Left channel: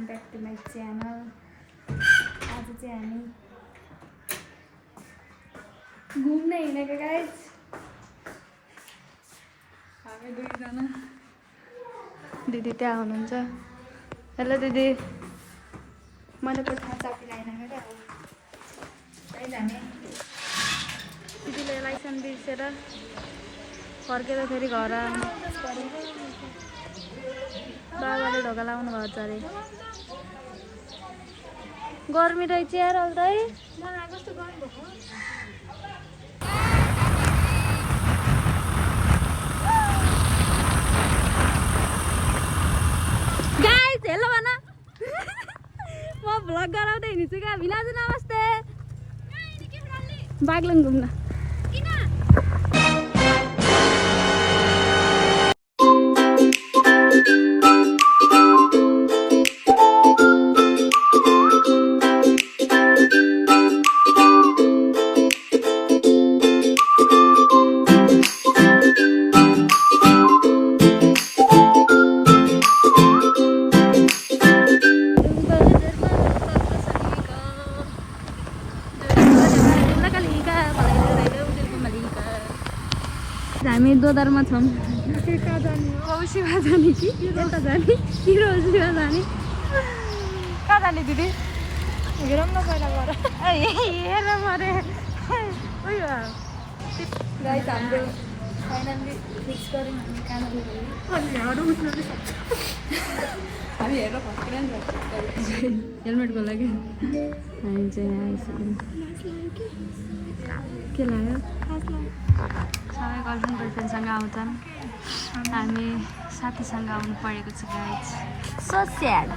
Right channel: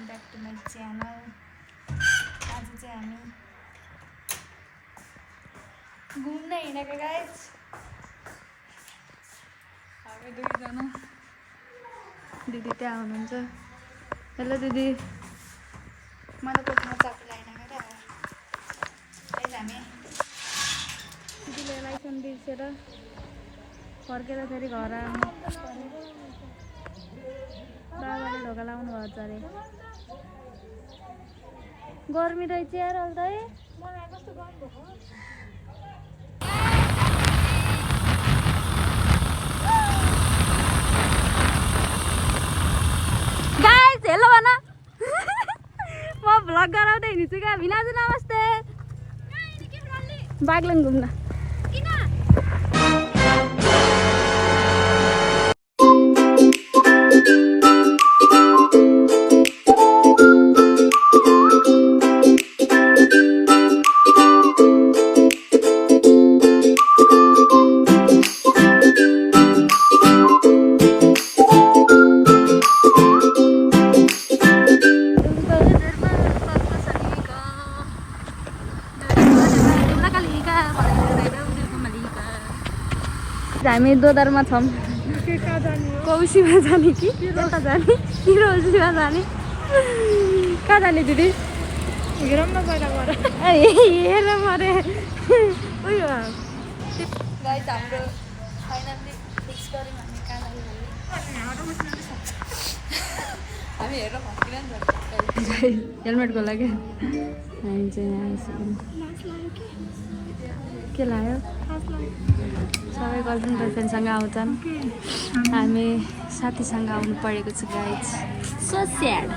Welcome back to my channel. आज चाहिँ हामी घुम्न हिँडेको गाइज। हामी दुईजना, दिदी त्यहाँ हुनुहुन्छ। हेलो दिदी, मैले कोठामा चाबी लगाएन क्या। हामी दिदीले लाइसेन्स बिर्सेर फर्केर फेरि घर बाबाले ढोका लाउनु भएको छ अरे। गर्मी रहेछ यार अल्दै। मलाई कस्तो गर्मी भएको। गाइस हेलो भन। म भ्लग गराउँदै हिँड्छु क्या। भिनाजु नमस्ते। बागलुङ घुम्न किन? हामी दोदरमा छौँ। कौशीमा जाने कि कहाँ जाने? रोजीमा जाने? कहाँ जाने दिदी? हेर मरे। गाइस हाम्रो फाइनली फिक्स गऱ्यौँ हामी कहाँ हामी हेरेर फस्किँदैन हेलमेटको लागि। हामी चाहिँ के लाग्यो? सबै गर्लफ्रेन्ड बोयफ्रेन्डसँग आउँछन्। हामी साथीसँग आउनु परेको छ गाइज। So sad.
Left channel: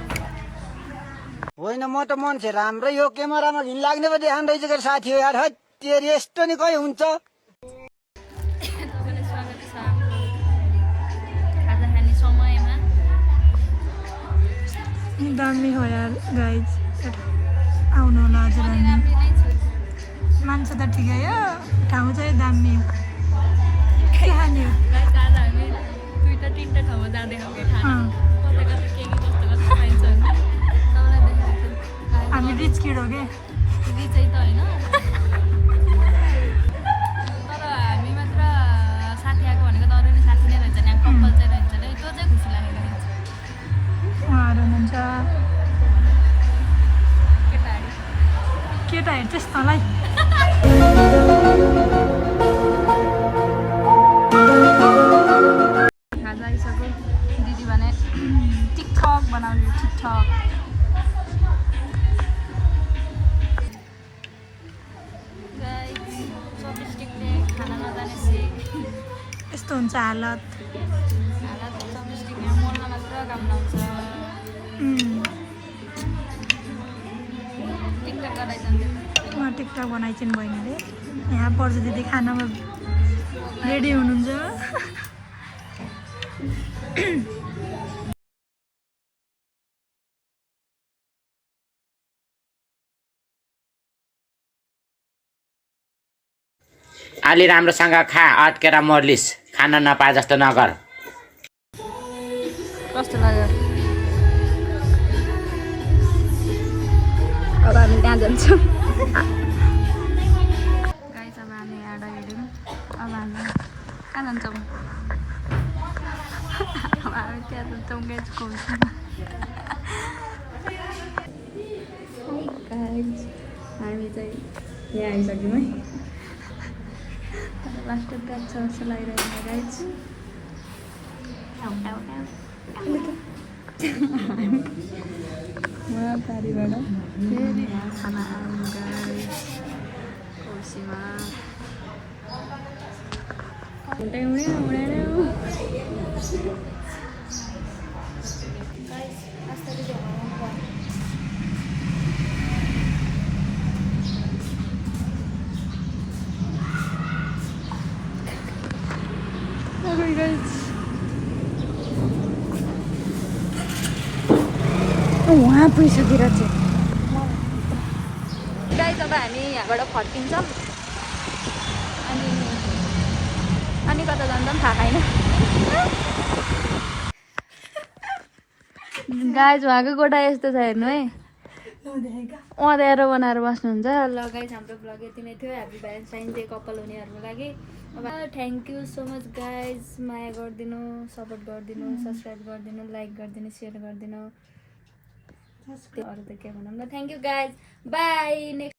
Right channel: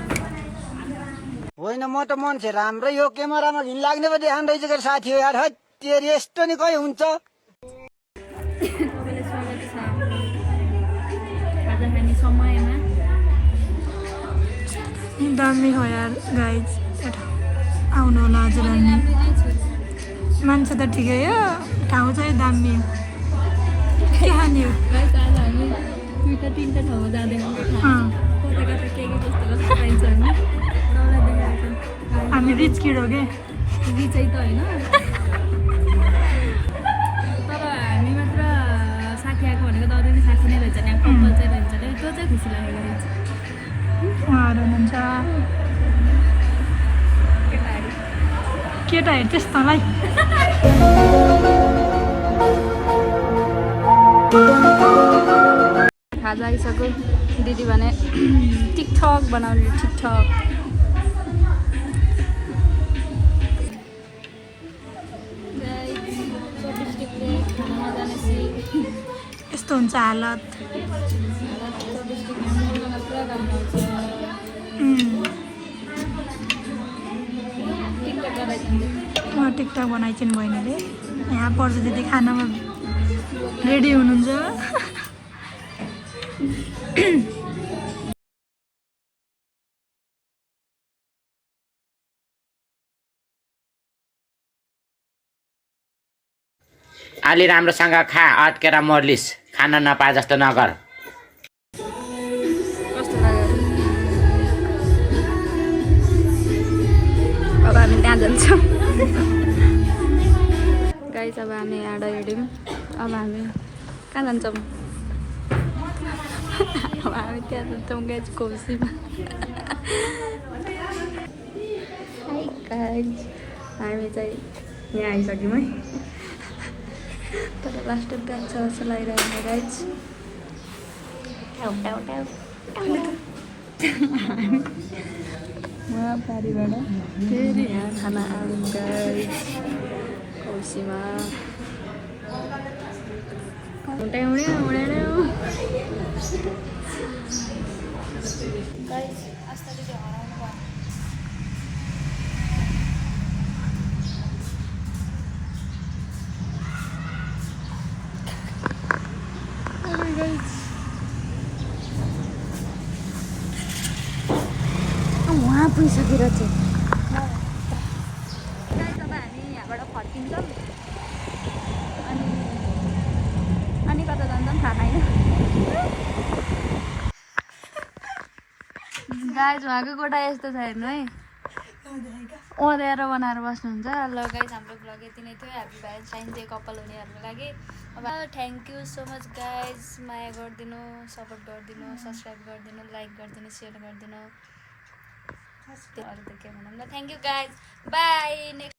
होइन म त मान्छे राम्रै हो, क्यामेरामा घिन लाग्ने पो देखान रहेछ के साथी हो यार। तेरि यस्तो नि कहिले हुन्छ? तपाईँलाई स्वागत छ। आज हामी समयमा दामी हो यार गाइज, आउनु होला हजुर। मान्छे त ठिकै हो, ठाउँ चाहिँ दामी हो। आज हामी दुईवटा तिनवटा ठाउँमा जाँदैछौँ। कता कता के जस्तो कस्तो पाइन्छ हामी तपाईँलाई देखाएको छ। हामी रिच किड हो के चाहिँ त होइन, तर हामी मात्र साथी आएको भनेको त अरू पनि साथी नै रहेछ नि। कम्पल चाहिँ रहन्छ क्या, त्यो चाहिँ खुसी लागेको रहेछ। उहाँहरू हुनुहुन्छ केटाहरू त्यस्तोलाई। खाजा आइसक्यो। दिदी भने टिकटक बनाउने। टिकटक चौबिस्टिकले खाना नजानेपछि यस्तो हुन्छ हालत। चौबिस्टिक मोल्न पुरा काम लाउँछ। टिकटक गराइदिनु। टिकटक बनाइछन् बहिनीले। यहाँ पर्छ दिदी खानामा रेडी हुनुहुन्छ। अलि राम्रोसँग खा, अट्केर मर्लिस। खान नपाए जस्तो नगर। कस्तो लाग्यो? अब हामी त्यहाँ जान्छौँ। गाइस अब हामी यहाँ हिँड्यौँ। अब हामी कहाँ जान्छौँ? अब हामी त्यहाँ जान्छौँ गाइस, कौशीमा। गाइस हामी चाहिँ यहाँ आइसक्यौँ है। तर लास्ट एकदम छ लगाइरहेको गाइस। उहाँ पारिबाट फेरि यहाँ खाना आउँ गाइस कौशीमा। गाइस वहाँ पुगिसकेर चाहिँ गाइस अब हामी यहाँबाट फर्किन्छौँ। अनि कता जान्छ थाहा छैन। गाइज उहाँको गोटा यस्तो छ हेर्नु है अँध्यारो बनाएर बस्नुहुन्छ। ल गाइज हाम्रो ब्लग यति नै थियो। ह्याप्पी भ्यालेन्टाइन डे कपाल हुनेहरूको लागि। अब thank you so much guys. माया गरिदिनु, सपोर्ट गरिदिनु, सब्सक्राइब गरिदिनु, लाइक गरिदिनु, सेयर गरिदिनु। अरू त के भनौँ न। Thank you guys, by. Next